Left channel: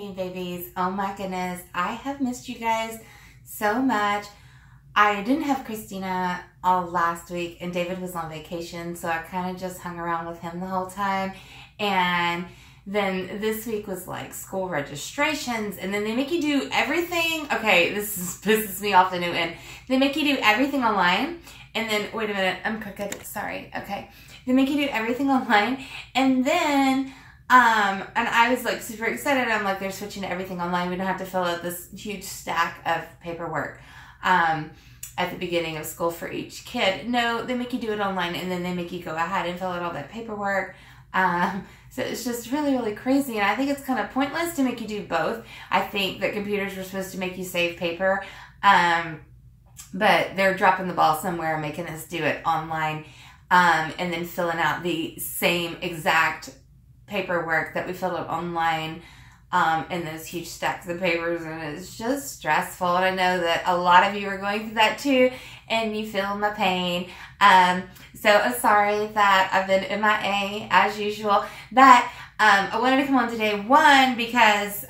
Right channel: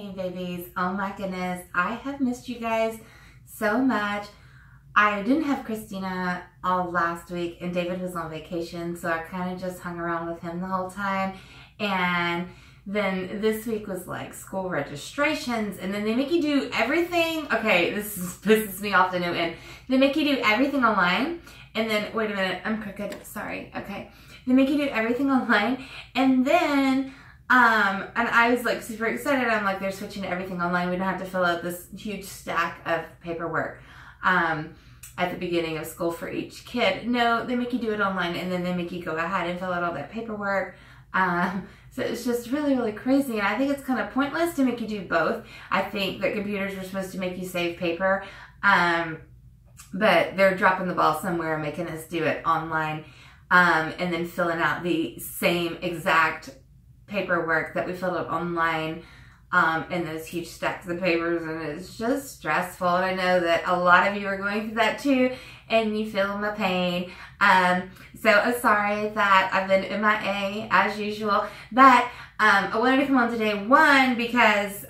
Hey babies, oh my goodness, I have missed you guys so much. I didn't have Christina all last week and David was on vacation, so I kind of just hung around with him the whole time. And then this week was like school registrations, and then they make you do everything. Okay, this pisses me off the new end. They make you do everything online, and then, wait a minute, I'm crooked, sorry, okay. They make you do everything online, and then and I was like super excited. I'm like, they're switching to everything online. We don't have to fill out this huge stack of paperwork at the beginning of school for each kid. No, they make you do it online, and then they make you go ahead and fill out all that paperwork. So it's just really, really crazy. And I think it's kind of pointless to make you do both. I think that computers were supposed to make you save paper, but they're dropping the ball somewhere, making us do it online, and then filling out the same exact paperwork that we filled out online in those huge stacks of papers, and it's just stressful. And I know that a lot of you are going through that too, and you feel my pain. So I'm sorry that I've been MIA as usual, but I wanted to come on today, one, because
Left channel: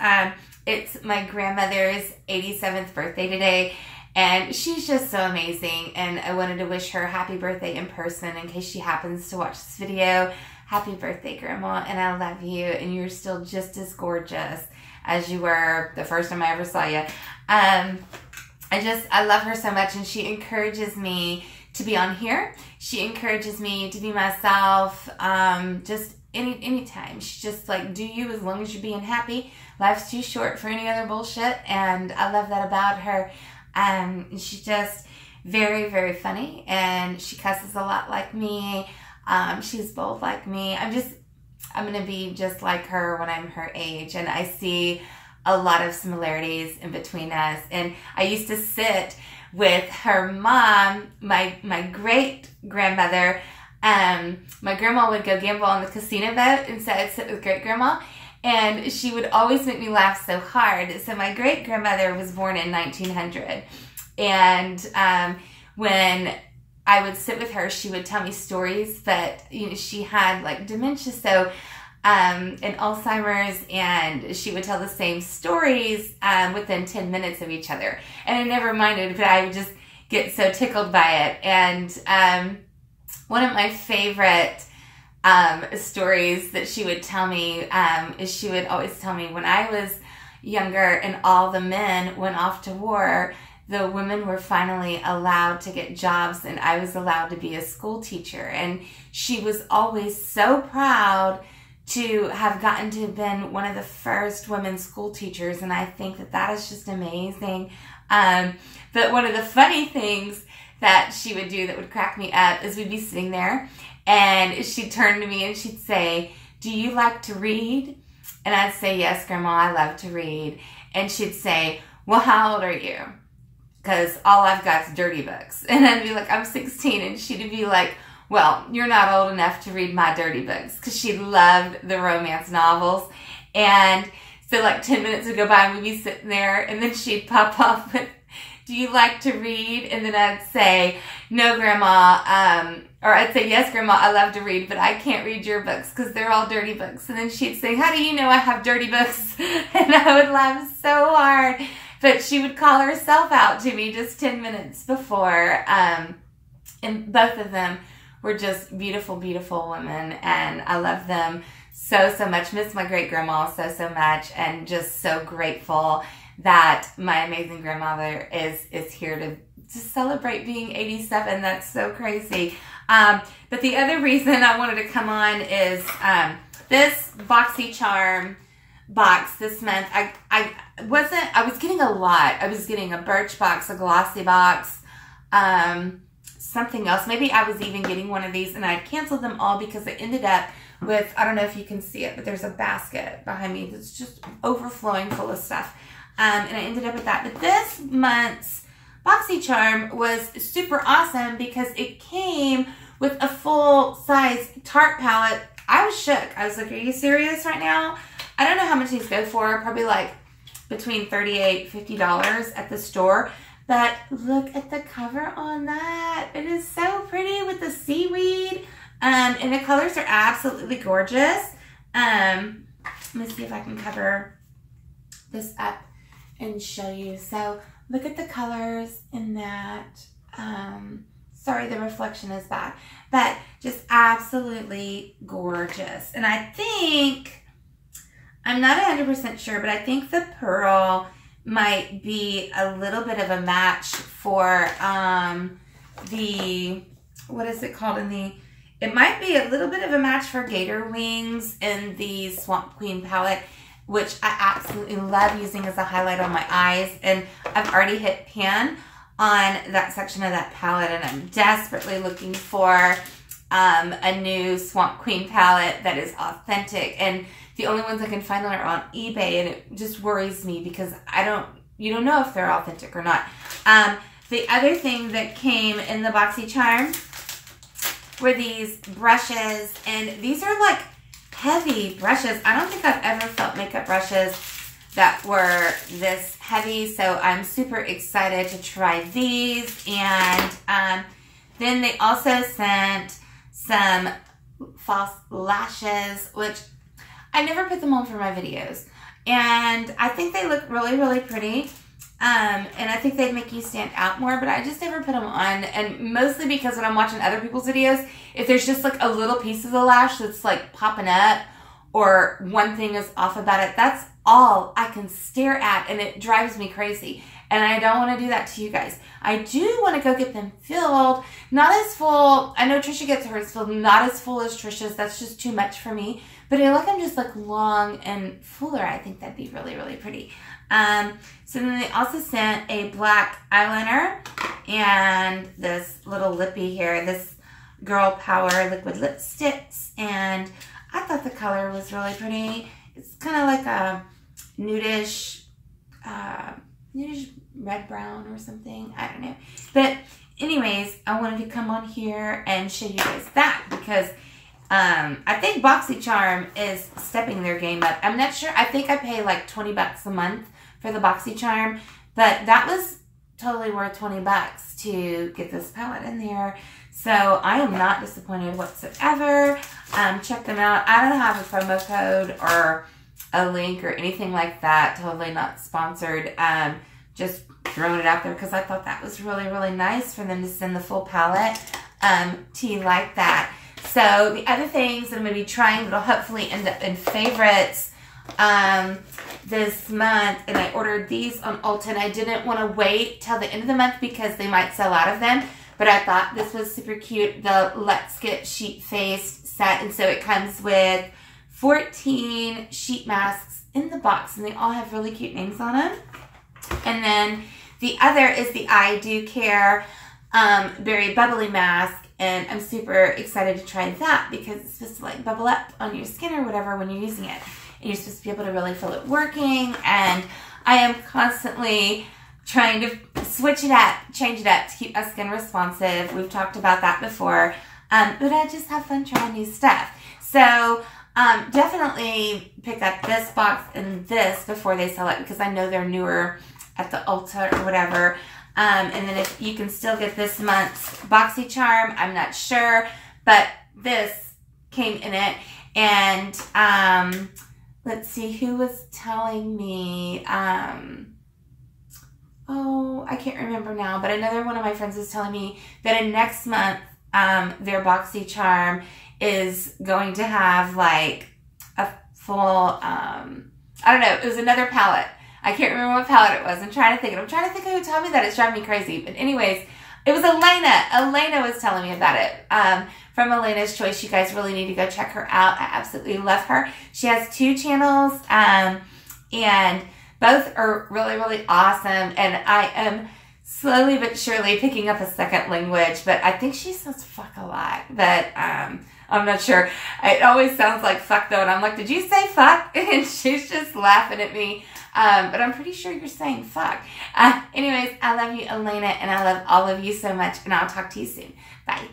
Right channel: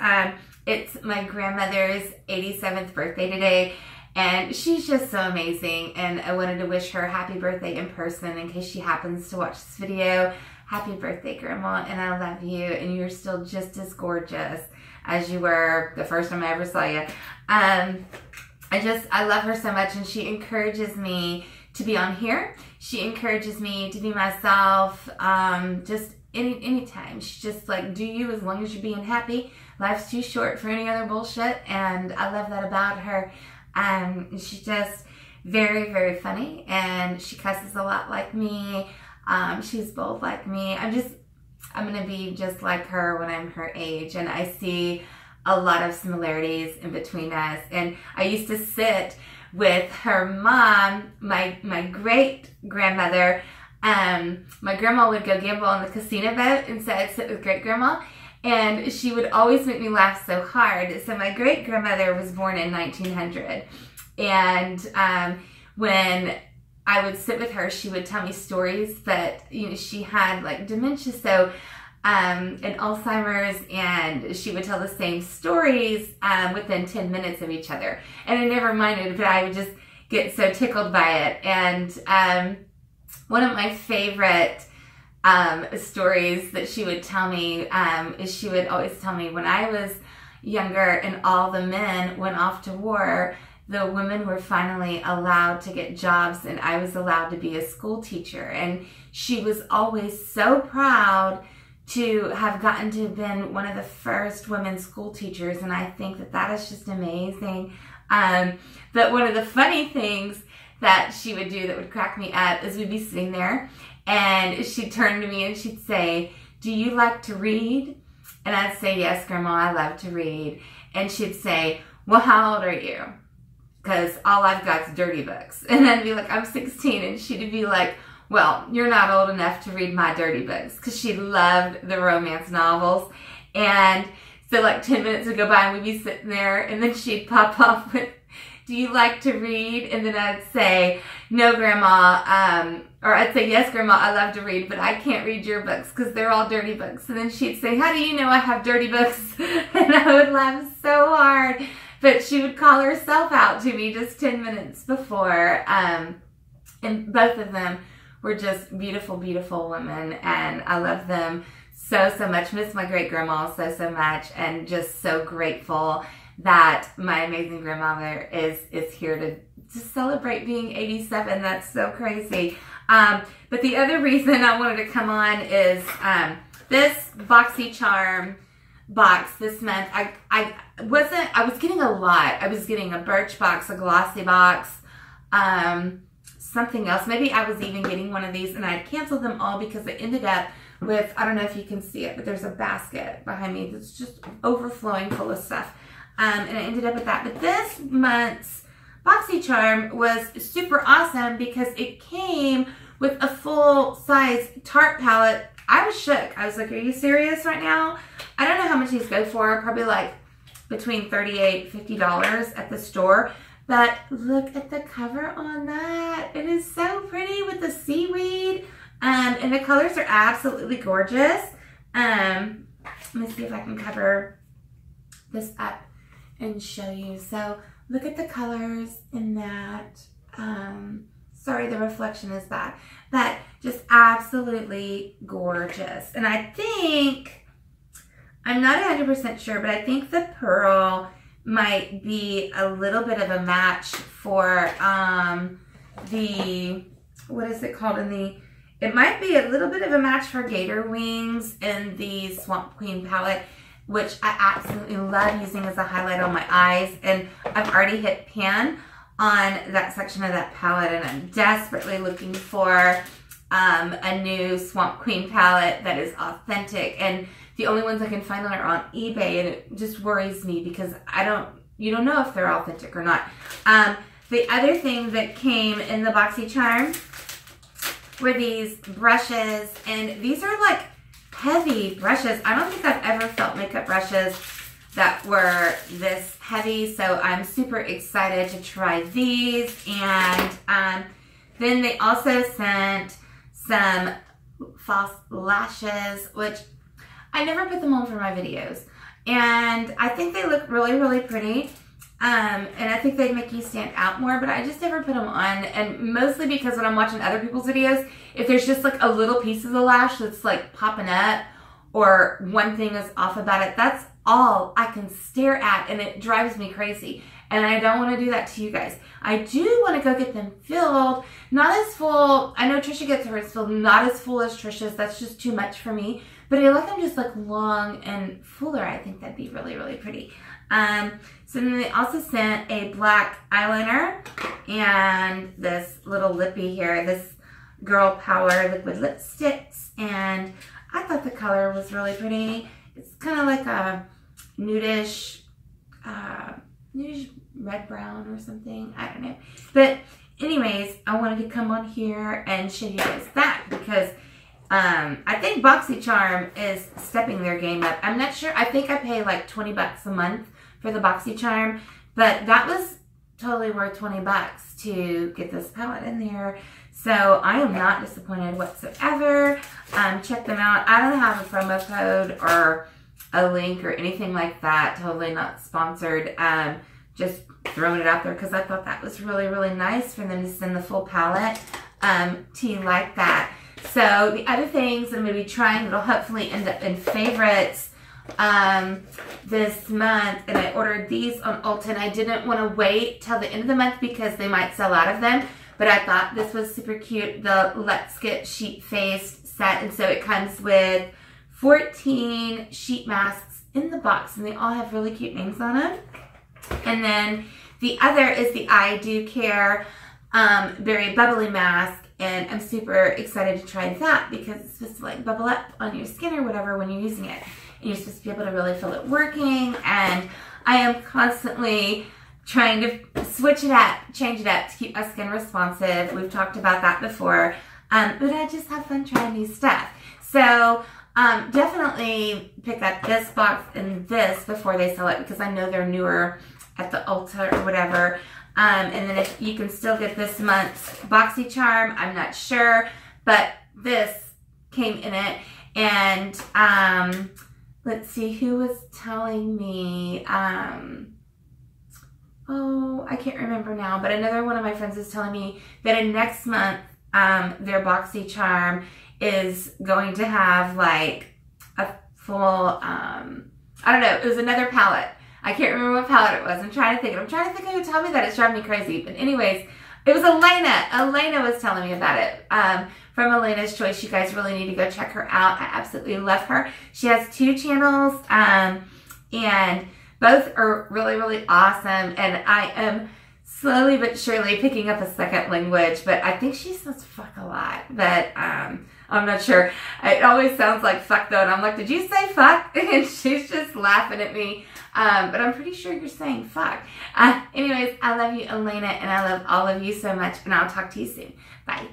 it's my grandmother's 87th birthday today, and she's just so amazing, and I wanted to wish her happy birthday in person in case she happens to watch this video. Happy birthday, Grandma, and I love you, and you're still just as gorgeous as you were the first time I ever saw you. I love her so much, and she encourages me to be on here. She encourages me to be myself, just anytime. She's just like, do you as long as you're being happy. Life's too short for any other bullshit, and I love that about her. She's just very, very funny, and she cusses a lot like me. She's both like me. I'm going to be just like her when I'm her age, and I see a lot of similarities in between us. And I used to sit with her mom, my great grandmother. My grandma would go gamble on the casino boat, and so I'd sit with great grandma, and she would always make me laugh so hard. So my great grandmother was born in 1900, and when I would sit with her, she would tell me stories, but you know, she had like dementia, so and Alzheimer's, and she would tell the same stories within 10 minutes of each other. And I never minded, but I would just get so tickled by it. And one of my favorite stories that she would tell me is she would always tell me when I was younger and all the men went off to war, the women were finally allowed to get jobs, and I was allowed to be a school teacher. And she was always so proud to have gotten to have been one of the first women school teachers, and I think that that is just amazing. But one of the funny things that she would do that would crack me up is we'd be sitting there, and she'd turn to me and she'd say, "Do you like to read?" And I'd say, "Yes, Grandma, I love to read." And she'd say, "Well, how old are you?" Because all I've got is dirty books. And I'd be like, "I'm 16. And she'd be like, "Well, you're not old enough to read my dirty books." Because she loved the romance novels. And so like 10 minutes would go by and we'd be sitting there, and then she'd pop off with, "Do you like to read?" And then I'd say, "No, Grandma," or I'd say, "Yes, Grandma, I love to read, but I can't read your books because they're all dirty books." And then she'd say, "How do you know I have dirty books?" And I would laugh so hard. But she would call herself out to me just 10 minutes before. And both of them were just beautiful, beautiful women. And I love them so, so much. Miss my great grandma so, so much. And just so grateful that my amazing grandmother is here to celebrate being 87. That's so crazy. But the other reason I wanted to come on is this BOXYCHARM box this month. I was getting a lot. I was getting a birch box, a glossy box, something else. Maybe I was even getting one of these, and I canceled them all because I ended up with, I don't know if you can see it, but there's a basket behind me that's just overflowing full of stuff. And I ended up with that. But this month's BOXYCHARM was super awesome because it came with a full-size tart palette. I was shook. I was like, "Are you serious right now?" I don't know how much these go for. Probably like between $38 and $50 at the store. But look at the cover on that. It is so pretty with the seaweed. And the colors are absolutely gorgeous. Let me see if I can cover this up and show you. So look at the colors in that. Sorry, the reflection is bad, but just absolutely gorgeous. And I think, I'm not 100% sure, but I think the pearl might be a little bit of a match for the, what is it called in the, it might be a little bit of a match for Gator Wings in the Swamp Queen palette, which I absolutely love using as a highlight on my eyes. And I've already hit pan on that section of that palette, and I'm desperately looking for a new Swamp Queen palette that is authentic. And the only ones I can find are on eBay, and it just worries me because you don't know if they're authentic or not. The other thing that came in the BOXYCHARM were these brushes, and these are like heavy brushes. I don't think I've ever felt makeup brushes that were this heavy, so I'm super excited to try these. And then they also sent some false lashes, which I never put them on for my videos, and I think they look really, really pretty. And I think they'd make you stand out more, but I just never put them on. And mostly because when I'm watching other people's videos, if there's just like a little piece of the lash that's like popping up, or one thing is off about it, that's all I can stare at, and it drives me crazy. And I don't want to do that to you guys. I do want to go get them filled. Not as full. I know Trisha gets hers filled. Not as full as Trisha's. That's just too much for me. But I like them just like long and fuller. I think that'd be really, really pretty. So then they also sent a black eyeliner and this little lippy here. This Girl Power liquid lipsticks. And I thought the color was really pretty. It's kind of like a nudish red brown or something. I don't know. But anyways, I wanted to come on here and show you guys that because I think BOXYCHARM is stepping their game up. I'm not sure. I think I pay like 20 bucks a month for the BOXYCHARM, but that was totally worth 20 bucks to get this palette in there. So I am not disappointed whatsoever. Check them out. I don't have a promo code or a link or anything like that. Totally not sponsored. Just throwing it out there because I thought that was really, really nice for them to send the full palette to you like that. So the other things that I'm going to be trying that'll hopefully end up in favorites this month, and I ordered these on Ulta, and I didn't want to wait till the end of the month because they might sell out of them, but I thought this was super cute, the Let's Get Sheet Faced set. And so it comes with 14 sheet masks in the box, and they all have really cute names on them. And then the other is the I Do Care Berry Bubbly Mask, and I'm super excited to try that because it's supposed to like bubble up on your skin or whatever when you're using it. And you're supposed to be able to really feel it working, and I am constantly trying to switch it up, change it up to keep my skin responsive. We've talked about that before, but I just have fun trying new stuff. So definitely pick up this box and this before they sell it because I know they're newer at the Ulta or whatever. And then if you can still get this month's BOXYCHARM, I'm not sure, but this came in it. And let's see, who was telling me, oh, I can't remember now, but another one of my friends was telling me that in next month, their BOXYCHARM is going to have like a full, I don't know, it was another palette. I can't remember what palette it was. I'm trying to think who would tell me that. It's driving me crazy. But anyways, it was Elena. Elena was telling me about it. From Elena's Choice. You guys really need to go check her out. I absolutely love her. She has 2 channels, and both are really, really awesome. And I am slowly but surely picking up a second language, but I think she says fuck a lot. But I'm not sure. It always sounds like fuck though, and I'm like, did you say fuck? And she's just laughing at me. But I'm pretty sure you're saying fuck. Anyways, I love you, Elena, and I love all of you so much, and I'll talk to you soon. Bye.